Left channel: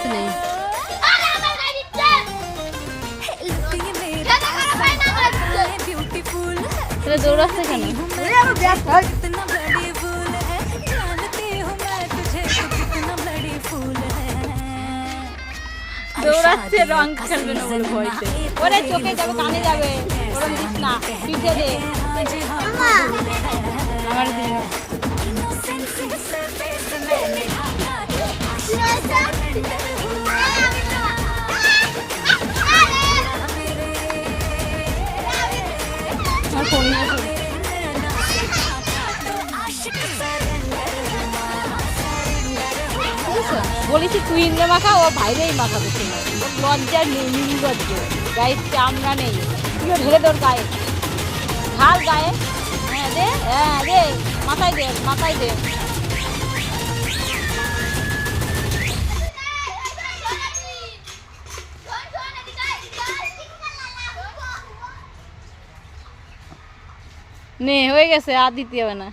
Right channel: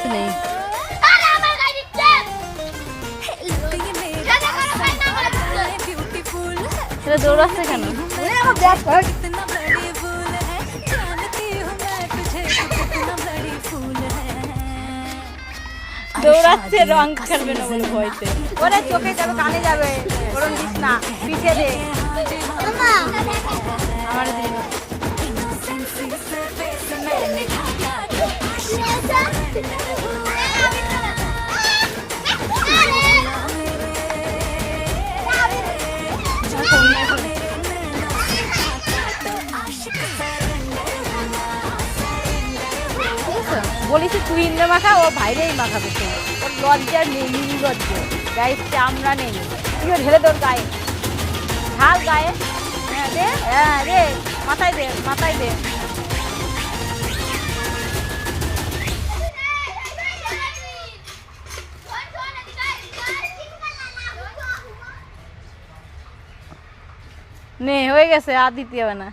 কিচ্ছু নেই। দৌড়াচ্ছে কেন? দৌড়াচ্ছে রং খেলবে না বলে ভয়তে। ওরে চোখে যাবে, কানে যাবে, ওরম দিস না, পিঠে দে। আমার দিন বলেছি তুই ইন্দ্রে মাখা, ও বাইরেই মাখাবে। তুমি ওর লজ্জা নেই, নির্লজ্জ, গায়ে চামড়া নেই। তুইও ঢেলে তোর গায়ে ঢাল গায়ে। হ্যাঁ দে, হ্যাঁ রে, মাথায় দে, মাথায় দে। নে হয়ে গেছে, আর দিতে হবে না।